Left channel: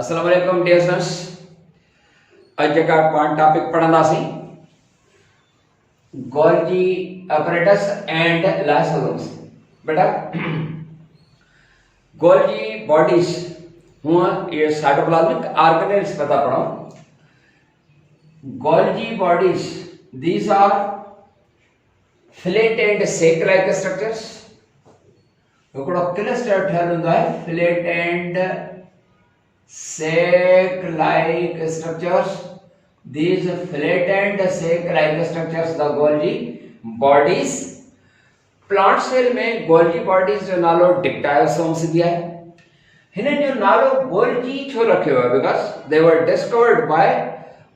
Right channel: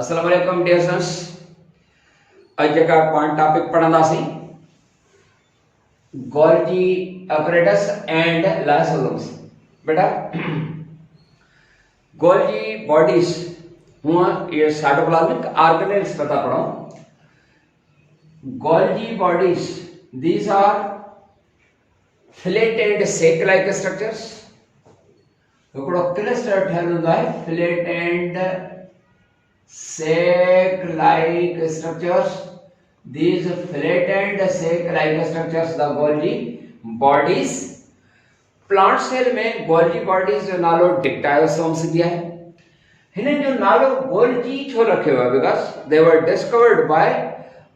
अस्सलाम वालेकुम dear students. अज जेका पाण टॉपिक पढ़ंदासीं गोल्जी apparatus एंड lysosomes। बेटा गोल्जी बॉडीज हुआ ये साइटोप्लाज्मिक ऑर्गेनेल्स पता पढ़ो। Golgi bodies these are flat and sac like structures. हिकिड़ो क्लस्टर ठहियल हूंदो आहे flat and sac like structures. These flat and sac like structures the Golgi bodies. Plant cell में गोल्जी बॉडीज जो नालो डिक्टायोसोम्स दिया है। हिनन जो नालो गोल्जी छो रखियो है because they were discovered by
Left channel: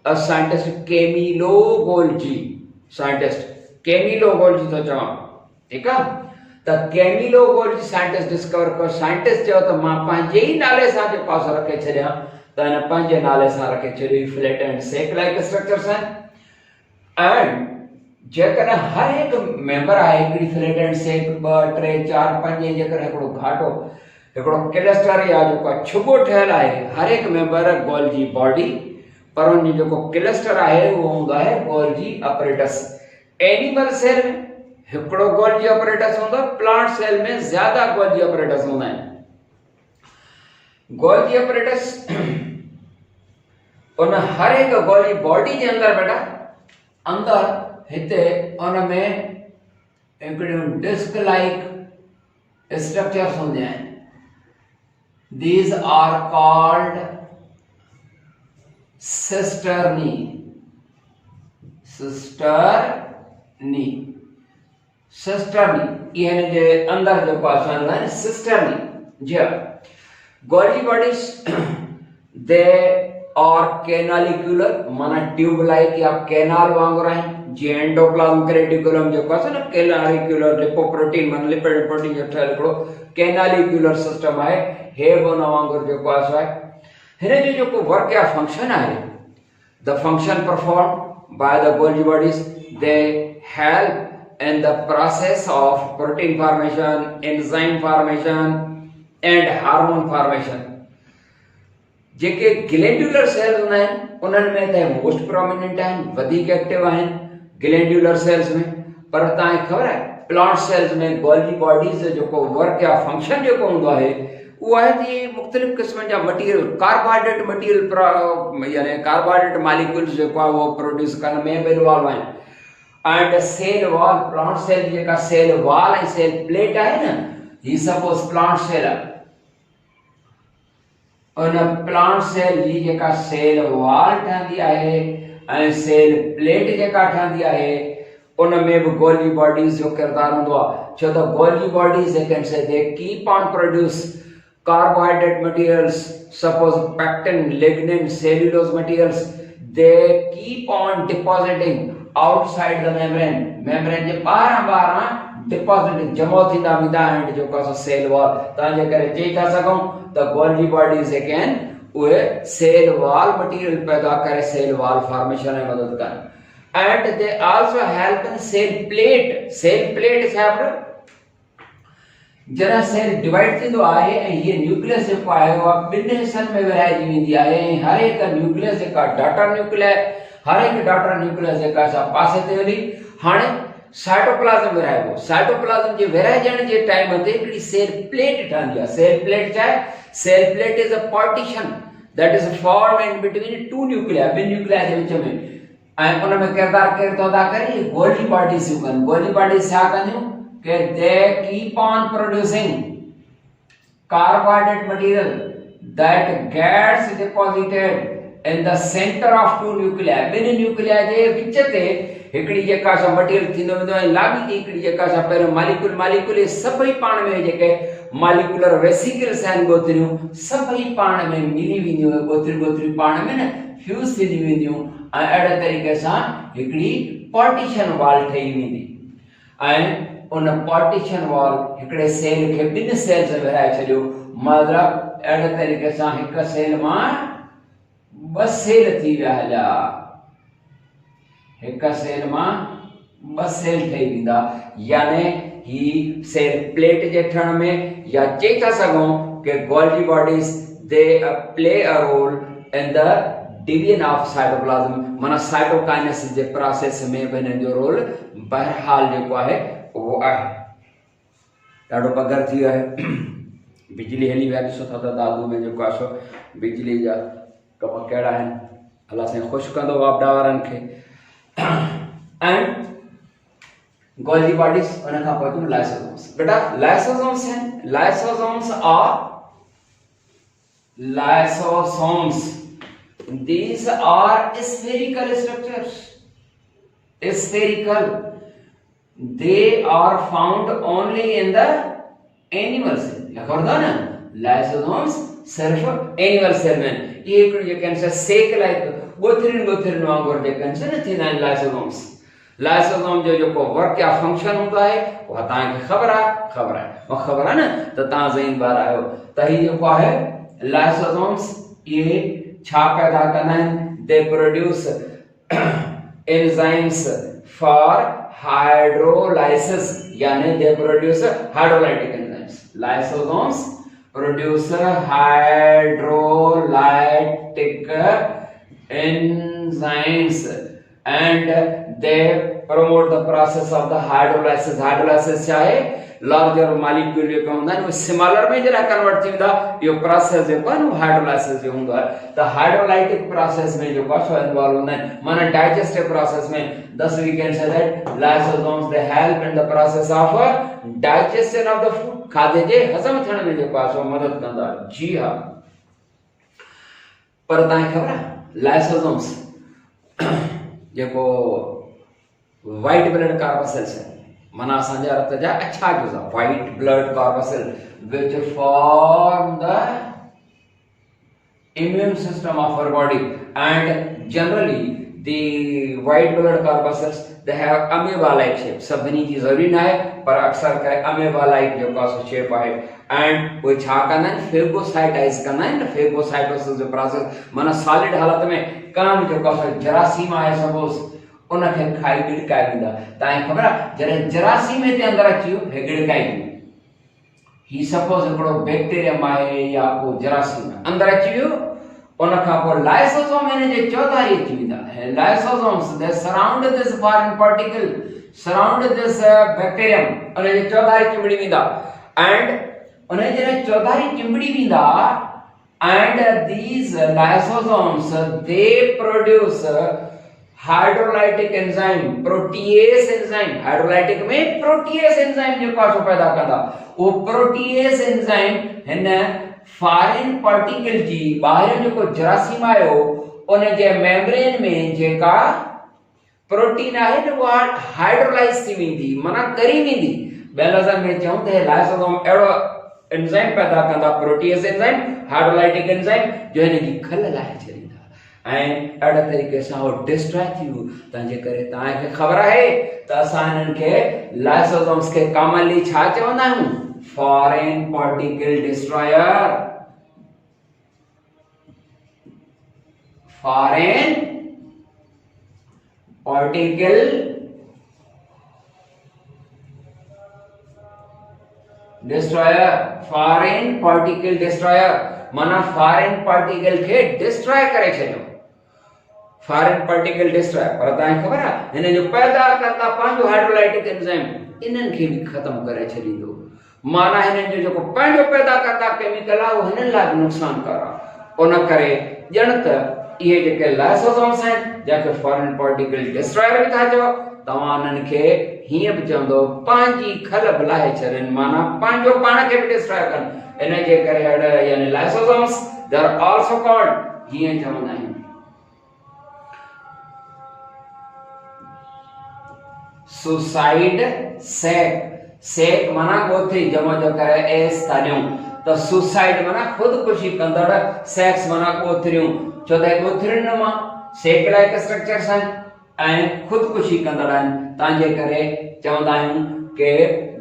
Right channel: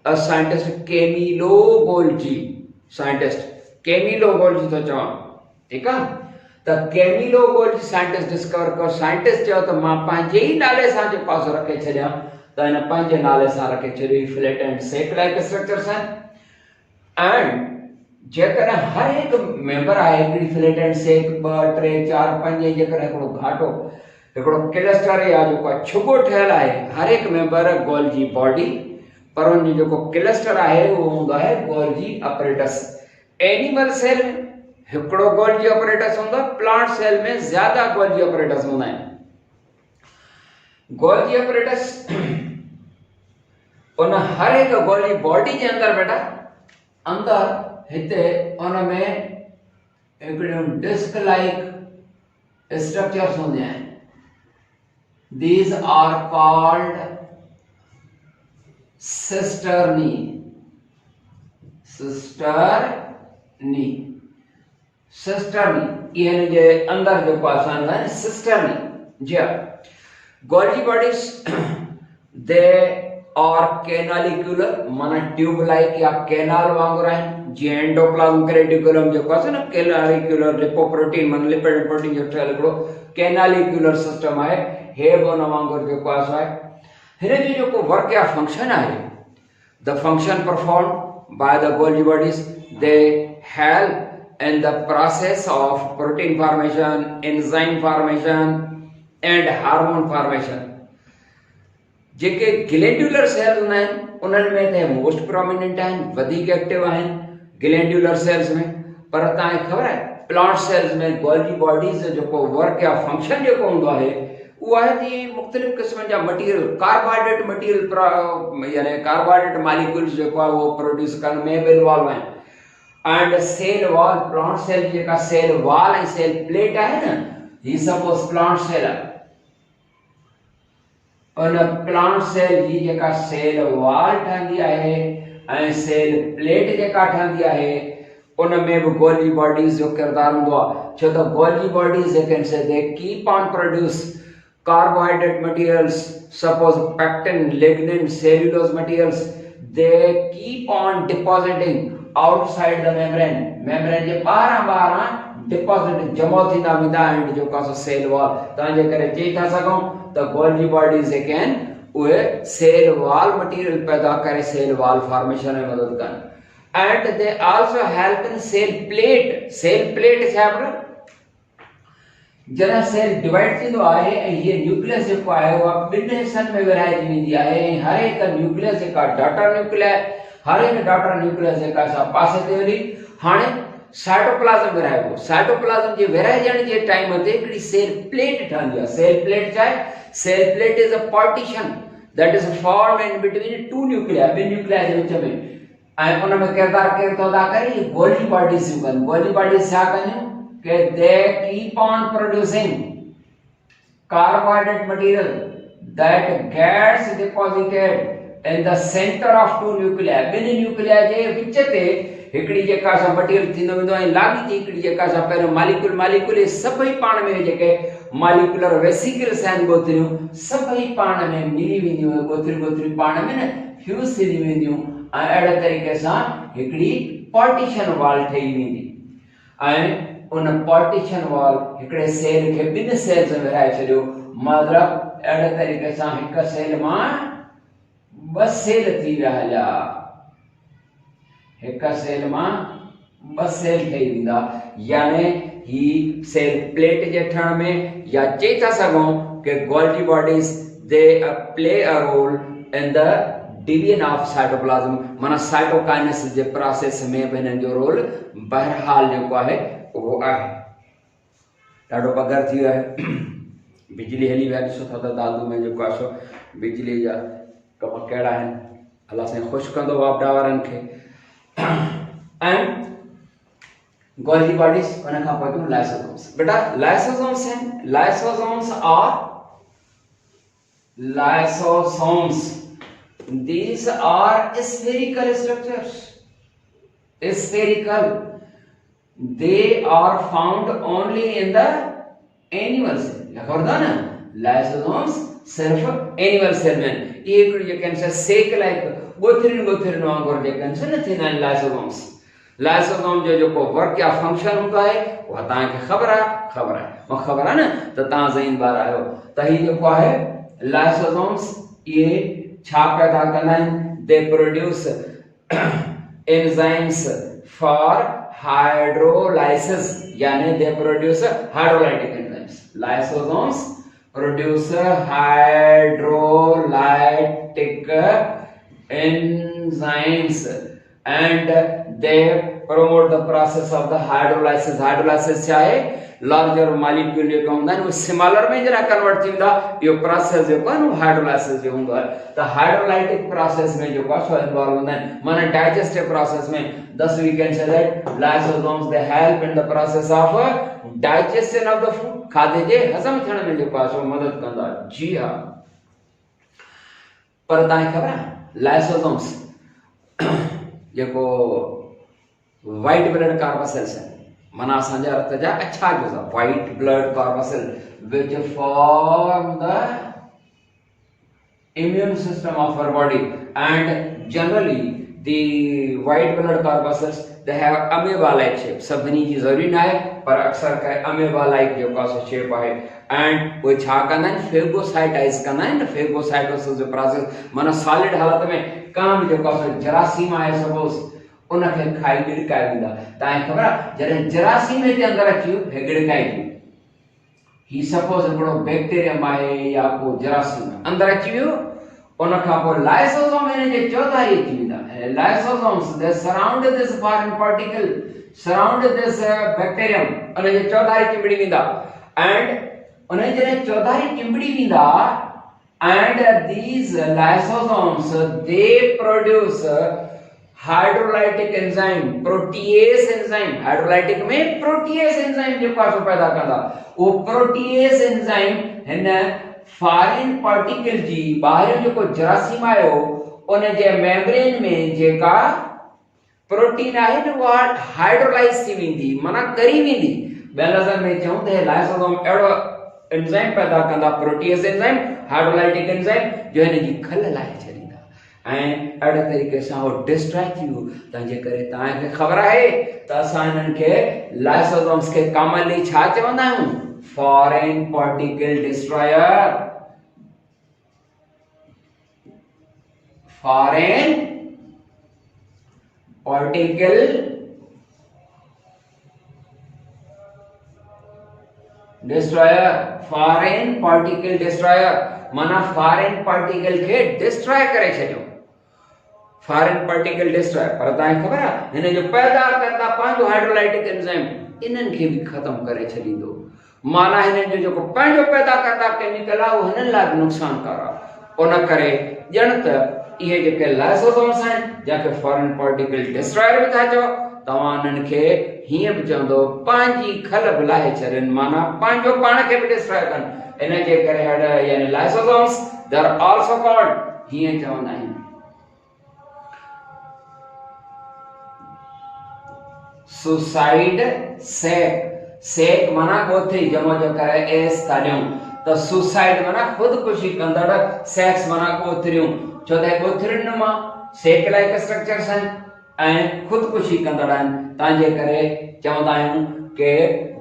a scientist Camillo Golgi. Scientist Camillo Golgi तो चवा ठीक है। त कैमिलो गोल्जी साइंटिस्ट डिस्कवर को साइंटिस्ट जो तो मां पंहिंजे ही नाले सां जो पासो रखे छॾिया त हिन पंहिंजे नाले सां रखे छॾी flat and sac like structures आहिनि। एंड जेकॾहिं हर हिकु मेंबर आहे हिकिड़ी फ्लैट एंड सेक 2 3 4 5 जेकॾहिं हिकिड़ो घाटो हिकिड़ो क्लस्टर या जेको छुबो ठहियल आहे हर हिकु मेंबर गोल्जी बॉडी पर उन जो जेको क्लस्टर आहे उहो हूंदो आहे गोल्जी अपरेटस। एनिमल सेल में हिकिड़ो गोल्जी अपरेटस हूंदो आहे, प्लांट सेल में ज्यादा गोल्जी अपरेटस हूंदा आहिनि। गोल्जी अपरेटस उन हर हिकु गोल्जी बॉडी जे अंदर बेटा अंदर हिते उन में हिकिड़ियूं डिस्क लाइक स्ट्रक्चर्स हूंदियूं आहिनि। These are called cisternae. Cisternae cisternae ये जे अंदर जो पासान है सिस्टर्नी जी। गोल्जी बॉडीज दे और कैनालिक्यूलर माना ट्यूब लाइक या कैनाल वांगुर है। जी एंडोप्लाज्मिक रेटिकुलम जो पास ना कैनालिक्यूलर लिपोप्रोटीन मन लिपिड प्रोटीन जो ठहल हिकिड़ो कैनालिक्यूलर सिस्टम है हे बन वांगुर जो पास है। हिन जो को वर्क या फंक्शन है the function perform by the Golgi bodies they help in the process of protein formation, enzyme formation and hormone formation। JK glandular cells हूंदा आहिनि उन्हनि में त मोस्ट प्रोमिनेंट आहिनि, वधीक एक्टिव आहिनि ग्लैंडुलर सेल्स में। पर तव्हांखे ख़बर आहे प्लांट सेल्स में गोल्जी बॉडीज जो जेको वर्क या फंक्शन जेको हूंदो आहे उहो आहे कि मुख़्तलिफ़ क़िस्म जा मटीरियल कार्बोहाइड्रेट मटीरियल यानी कार्बोहाइड्रेट मॉलिक्यूल्स जेको आहे उहो प्रोड्यूस करण में बि इन्वॉल्व आहिनि। And cell wall plant cell जेका सेल वॉल ऐं सेल प्लेट आहे न ही सपोज प्लांट सेल उन प्लांट सेल जी जेका सेल वॉल ठहंदी आहे ऐं सेल प्लेट जेका ठहंदी आहे उन में बि गोल्जी बॉडीज जो किरदार हूंदो आहे। छो त Golgi bodies can say they keep on produce carbohydrate materials suppose pectin lignin cellulose materials they keep on depositing outside the membrane जे बारा डिपॉजिट जमा थींदा वेंदा एंड जो का सेल वॉल ताजे करे चई था सघूं त गोल्जी बॉडीज कैन उहे सेल वॉल मटीरियल पैदा करे सेल वॉल फॉर्मेशन में मदद कन। And they also help in cell plate. Cell plate छा है जरा सेल डिवाइड थींदो आहे ऐं ये न्यूक्लियस जेको आहे उहा ॿिनि हिस्सनि में विरहाइजी वेंदी आहे ऐं हर हिकु न्यूक्लियस जेका डॉटर न्यूक्लियस हर एक डॉटर न्यूक्लियस जेका सा पासे ते वरी हाणे साइटोप्लाज्म विरहाइबो। साइटोप्लाज्म जे विरहाइजण जे टाइम ते हिकिड़ी सेल प्लेट ठहंदी आहे। सेल प्लेट छा आहे? Cell plate is a partition that is form in between two nuclei ॿिनि न्यूक्लिया जे विच में ऐं उन में किरदार केरु थो अदा करे गोल्जी बॉडीज थियूं कनि। गोल्जी बॉडीज छा कंदियूं कि they keep on producing carbohydrate material that gets deposited in the center of two nuclei। बिन न्यूक्लिया जे विच ते हिकड़ी जेका सा मटीरियल थींदो वेंदो ऐं लागी थी हिकड़ी जेका सा पहिरियों मालिक्यूल सभई पाण में जेके मालिक्यूलर वेसिकल्स आहिनि गोथरियूं सभई पाण में मिली वेंदियूं गोथरियूं पाण में न फ्यूज थी वेंदियूं ऐं अहिड़े तरीक़े सां हिकड़ी पार्टीशन वॉल ठही वेंदी ऐं उन पार्टीशन वॉल हिकड़े सेल खे ॿिनि सेल्स में विरहाए छॾियो। मतिलबु अहिड़े तरीक़े सां हिक सेल मां ॿ सेल थी विया हलिया। हिक सेल मां ॿ सेल ठही वेंदा यानी ही सेल प्लेट जे ठहण में या चई था सघूं कि Golgi bodies they play a role in the division of cytoplasm माना साइटोकाइनेसिस जे प्रोसेस में बने जो रोल बहरहाल जो है वो आहे ॾाढो पगर थी है बिजली हली वही सुठा त दादू में जो आसो बिजली जा कम कहिड़ा आहिनि अल्लाह साईं ख़ुशि कंदो वापडा वारनि खे एंड गोल्गी बॉडीज उन खां पोइ थियूं लाइसोसोम्स बेटा लाइसोसोम्स आहिनि lysosomes these are spherical structures spherical they are found only in the animal cell लिखा होता ना लाइसोसोम्स सिर्फ एनिमल सेल में ये एक कैंसर सेक लाइक गोथरिन वांगुर जे कैंसर न थींदा आहिनि लाइसोसोम जो वर्क या फंक्शन होता है वो तव्हांखे ख़बर आहे न त तव्हां ज़हीनदार आहियो त ही जेको आहे लाइसोसोम्स ये छा पैदा करना है they produce enzymes for hydrolysis यानी they produce hydrolytic enzymes lysosomes produce hydrolytic enzymes and they promote the process of the hydrolysis चाहे larger molecule जो होंदा है वो smaller में जरा कन्वर्ट थींदा यो प्रोसेस जो है वो हाइड्रोलाइसिस जो होंदा है तो हाइड्रोलाइटिक प्रोसेस में जो पासो इन्वॉल्व होंदा है माने डाइजेस्टिव प्रोसेस में thus we can say that lysosomes they help in the process of digestion of the food खाधे जे हजम थियण में जो पासो मदद कंदा जी हां पर तव्हांखे ख़बर आहे लाइसोसोम्स जेको वाइट ब्लड कार्बोसेल्स है माना असांजे रत जा अच्छा गुज़ा white blood corpuscle which form the immune system of our body and generally the white blood corpuscles they have amoeba like shape सभिनी जी ज़रूरी न आहे पर अक्सर करे अमेबा लाइक जो का शेप आहे एंड वो छा कंदा आहिनि फेगोसाइटाइज कंदा आहिनि फेगोसाइटोसिस जो प्रोसेस माना सॉलिड हालत में काम जो का जरासीम आहे सपोज उनखे खाई गिड़काई वींदा तव्हांखे ख़बर आहे जॾहिं जरासीम जे अंदरि अची वियो गिड़काई ही सपोज हिकिड़ो बैक्टीरियम आहे या को जरासीम अंदरि अची वियो उन खां पोइ लाइसोसोम इन जे चौधारी अची वेंदा lysosomes they surround this foreign particle surround this bacterium उन जे चौधारी चिंबड़ी वेंदा एंड उन जॾहिं चौधारी चिंबड़ी वेंदा and these lysosomes they produce hydrolytic enzyme protease enzyme hydrolytic में protease enzyme जो पासो पैदा कंदा वो protease enzyme हिन फॉरेन पार्टिकल जी ॿाहिरि जेको जरासीम आयो उन जे मेम्ब्रेन में जेका प्रोटीन आहे न उहा हाइड्रोलाइज थी वेंदी माना करी वेंदी ॿियनि लफ़्ज़नि में चऊं त लाइसोसोम अहिड़ो एंजाइम पैदा कंदा प्रोटीएस एंजाइम हाइड्रोलाइटिक एंजाइम जो हिन जी खल लाहे छॾींदा ऐं अहिड़े तरीक़े सां उहो डिस्ट्रॉय थी वियो तंहिंजे करे तव्हांखे ख़बर आहे त असां हिननि खे लाइसोसोम्स खे कॉमनली छा चवंदा आहियूं foreign particle destroyer foreign particle destroyer foreign particle destroyer माना फॉरेन पार्टिकल खे डिस्ट्रॉय करे छॾियो फॉरेन पार्टिकल डिस्ट्रॉयर पर तव्हांखे ख़बर आहे हिन जो पैदा करता पंहिंजो हाइड्रोलाइटिक एंजाइम इन्हनि खे बि ख़तम करे छॾींदो माना हिननि जो जेको पंहिंजो पैदा करता केमिकल आहे उहो हिननि लाइ बि नुक़सानकार आहे उन करे ॼण त इहे जेके लाइसोसोम्स आहिनि जंहिंखे फॉरेन पार्टिकल डिस्ट्रॉयर बि था चओ तव्हां हिननि खे हीअं बि चवंदो पंहिंजी खल बि लाहे छॾनि माना पंहिंजो पाण खे बि डिस्ट्रॉय कनि इन जे करे अहिड़ा यानी lysosomes they are also called हीअं चवंदा आहिनि सुसाइड सेक माना गोथरी जमो जो करे एस तालियूं तो सुसाइड माना खुदकुशी कंदड़ सेक्स माना गोथरियूं छो त गोथरियुनि मां सेक लाइक स्ट्रक्चर्स आहिनि ऐं खुदकुशी कंदड़ आहिनि तंहिंजे करे चवंदा आहियूं कि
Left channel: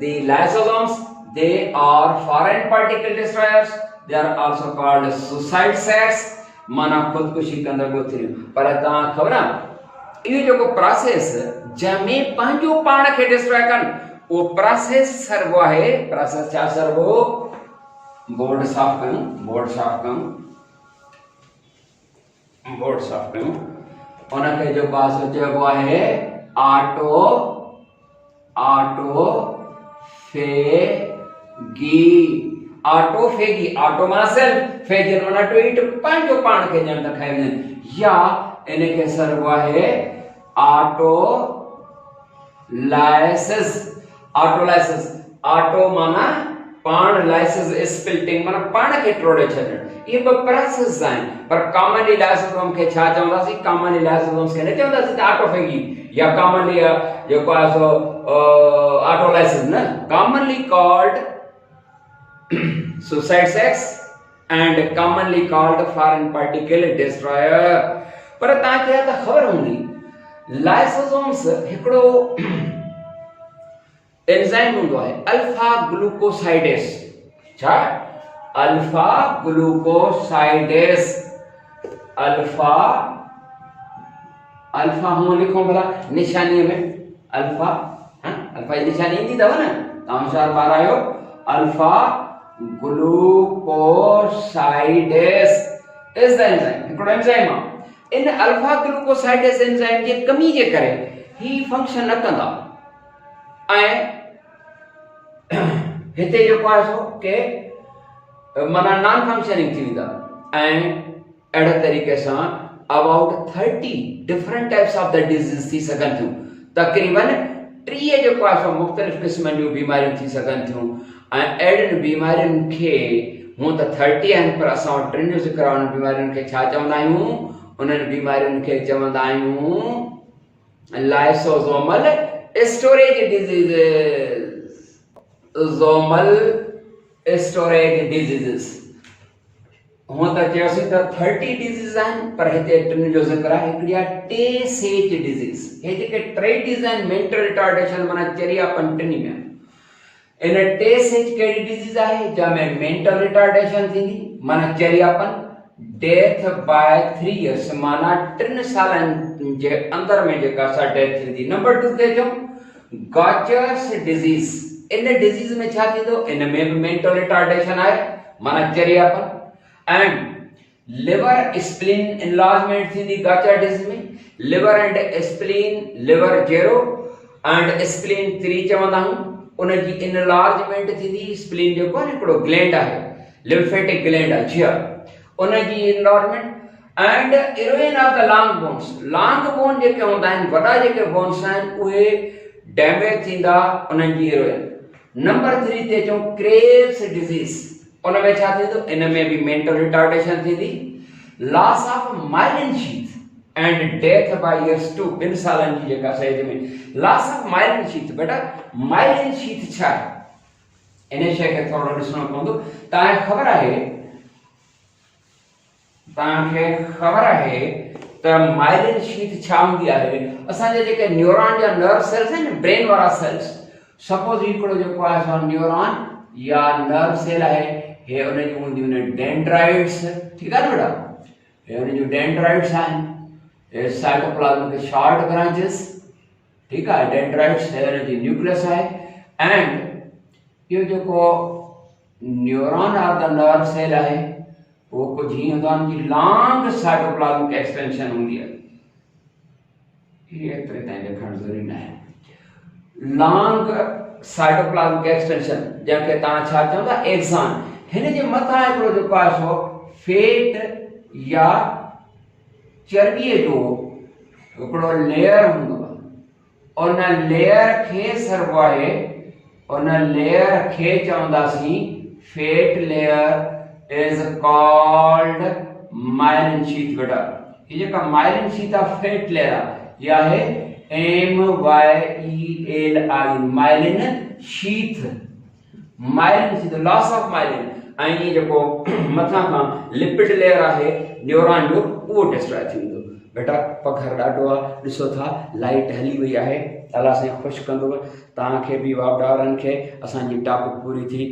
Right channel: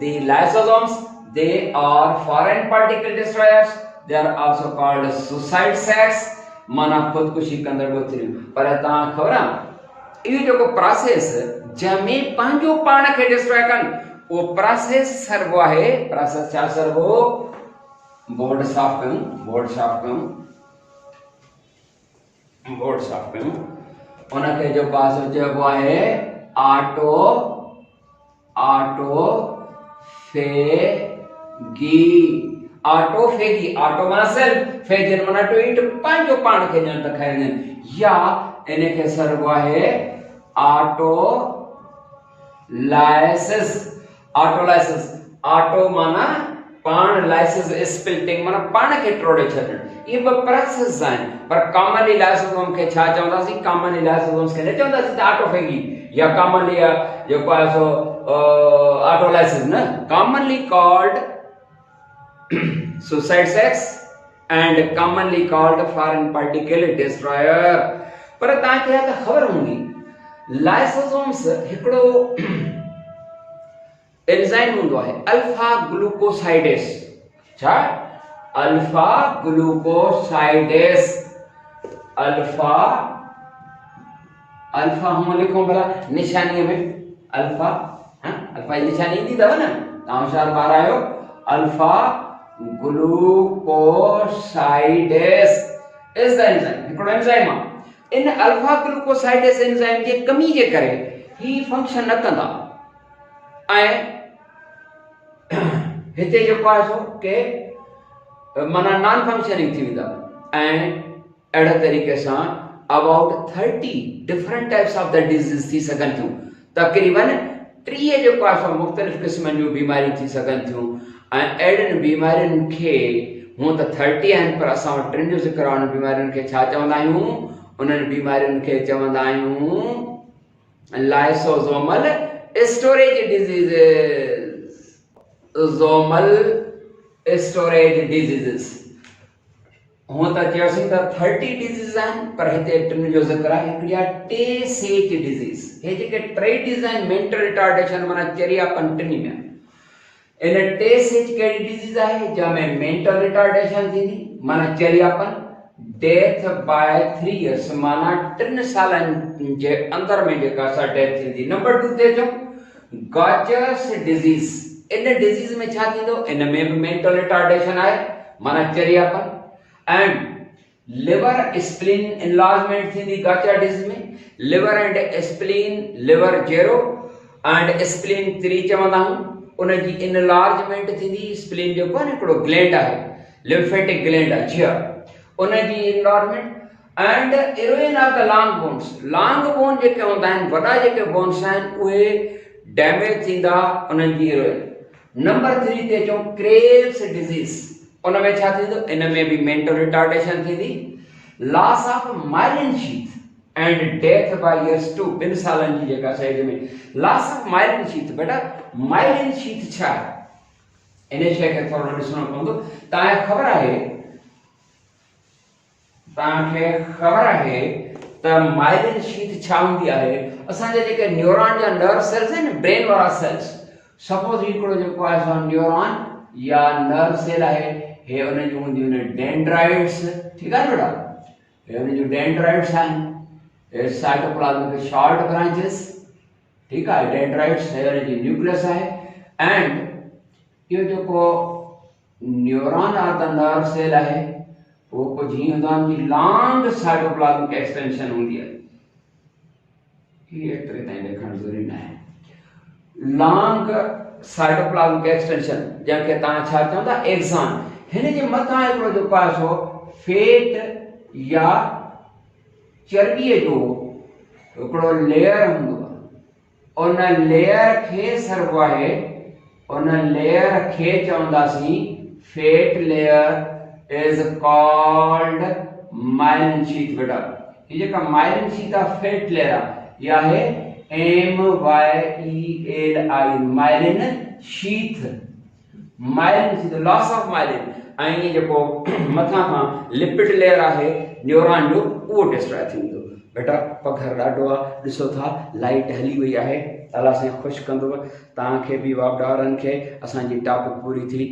the lysosomes they are foreign particle destroyers they are also called suicide sacs माना खुदकुशी कंदड़ गोथरियूं पर तव्हां ख़बर आहे इहो जेको प्रोसेस जंहिंमें पंहिंजो पाण खे डिस्ट्रॉय कनि उहो प्रोसेस सरबो आहे प्रोसेस छा सरबो बोर्ड साफ़ कयूं, बोर्ड साफ़ कयूं। उनखे जेको आहे सो चइबो आहे ऑटोफेगी। ऑटो माना सेल्फ, फेजिन माना टू ईट, पंहिंजो पाण खे ॼण त खाईंदा आहिनि। या इनखे सरबो आहे ऑटोलाइसिस। ऑटो माना पाण, लाइसिस स्पिल्टिंग माना पाण खे टोड़े छॾणु। ये ॿ प्रोसेस आहिनि, पर कॉमनली लाइसोसोम खे छा चवंदासीं? कॉमनली लाइसोसोम्स खे न चवंदासीं ऑटोफेगी या कॉमनली जेको आहे सो ऑटोलाइसिस न, commonly called suicide sex and commonly called foreign particle destroyer। पर तव्हांखे त ख़बर हूंदी लाइसोसोम्स हिकिड़ो एंजाइम हूंदो आहे अल्फा ग्लूकोसाइडेस। छा? अल्फा ग्लूकोसाइडेस। अल्फा हूं लिखो भला निशानीअ में अल्फा, अल्फा जी निशानी ईंदी अथव न, तव्हां होशियार ॿार आहियो। अल्फा ग्लूकोसाइडेस इज द एंजाइम, हिकिड़ो एंजाइम आहे। इन अल्फा ग्लूकोसाइडेस एंजाइम जे कमी जे करे ही फंक्शन न कंदा ऐं हिते जेको आहे सो के माना नॉन फंक्शनिंग थी वेंदा। ऐं अहिड़े तरीक़े सां about 30 different types of the disease थी सघनि थियूं। तक़रीबन 30 जेको आहे सो मुख़्तलिफ़ क़िस्मनि जूं बीमारियूं थी सघनि थियूं। ऐं अहिड़ियुनि बीमारियुनि खे हूअं त 30 आहिनि, पर असां वटि 3 जो ज़िक्र आहे। उन बीमारियुनि खे छा चवंदा आहियूं? उन्हनि बीमारियुनि खे चवंदा आहियूं लाइसोसोमल स्टोरेज डिजीज़िस। हूअं त चयोसीं त 30 डिजीज़ आहिनि, पर हिते 3 जो ज़िक्र आहे। हिकिड़ी आहे टे-सेच डिजीज़। हे जेके 3 डिजीज़ आहिनि, मेंटल रिटार्डेशन माना चरियापन टिनी में। इन टे-सेच कहिड़ी डिजीज़ आहे? जंहिंमें मेंटल रिटार्डेशन थींदी माना चरियापन, डेथ बाय 3 इयर्स माना 3 सालनि जे अंदर में जेका सा डेथ थींदी। नंबर 2 ते अचूं गॉचर्स डिजीज़। इन डिजीज़ में छा थींदो? इन में भी मेंटल रिटार्डेशन आहे माना चरियापन। एंड लिवर स्प्लीन इनलार्जमेंट थींदी गॉचर डिजीज़ में। Liver and spleen, liver 0 and spleen 3 चवंदा आहियूं। उनजी इनलार्जमेंट थींदी। स्प्लीन जेको आहे हिकिड़ो ग्लैंड आहे, लिम्फेटिक ग्लैंड आहे जी, उनजी enlargement. And erosion of the long bones. Long bone जेके हूंदा आहिनि, वॾा जेके बोन्स आहिनि, उहे डैमेज थींदा, उन्हनि जी इरोजन। नंबर 3 ते अचूं क्रेव्स डिजीज़। उन में छा थींदो? इन में भी मेंटल रिटार्डेशन थींदी। Loss of myelin sheath and death by years 2 2 सालनि जी जेका एज में। Loss of myelin sheath. बेटा माइलिन शीथ छा आहे? इन शइ खे थोरो ॾिसणो पवंदो। तव्हांखे ख़बर आहे त माइलिन शीथ छा हूंदी आहे? असांजे जेके न्यूरॉन या नर्व सेल्स आहिनि, ब्रेन वारा सेल्स, सपोज हिकिड़ो जेको आहे सो न्यूरॉन या नर्व सेल आहे, हे उन जूं हूंदियूं आहिनि डेंड्राइट्स। ठीकु आहे न बेटा? हे उन जूं डेंड्राइट्स आहिनि। हे साइटोप्लाज्म के शॉर्ट ब्रांचेस। ठीकु आहे? डेंड्राइट्स है उन जी न्यूक्लियस आहे। एंड इहो जेको न्यूरॉन आहे त नर्व सेल आहे, वो कुछ ही हूंदो आहे कि लॉन्ग साइटोप्लाज्मिक एक्सटेंशन हूंदी आहे। ये एतिरे ताईं लिखणु ज़रूरी न आहे। लॉन्ग साइटोप्लाज्मिक एक्सटेंशन जंहिंखे तव्हां छा चवंदा? एक्सॉन। हिन जे मथां हिकिड़ो जेको आहे सो फेट या चर्बीअ जो हिकिड़ो लेयर हूंदो आहे। उन लेयर खे सरबो आहे, उन लेयर खे चवंदासीं fat layer is called myelin sheath। बेटा ये जेका myelin sheath आहे, फेट लेयर आहे, या है MYELI myelin sheath। myelin sheath loss of myelin। ऐं ये जेको मथां खां लिपिड लेयर आहे न्यूरॉन जो, उहो डिस्ट्रॉय थींदो। बेटा पघर ॾाढो आहे, ॾिसो था लाइट हली वई आहे। अलाह साईं ख़ुशि कंदो तव्हांखे बि वापडारनि खे। असांजी टॉपिक पूरी थी।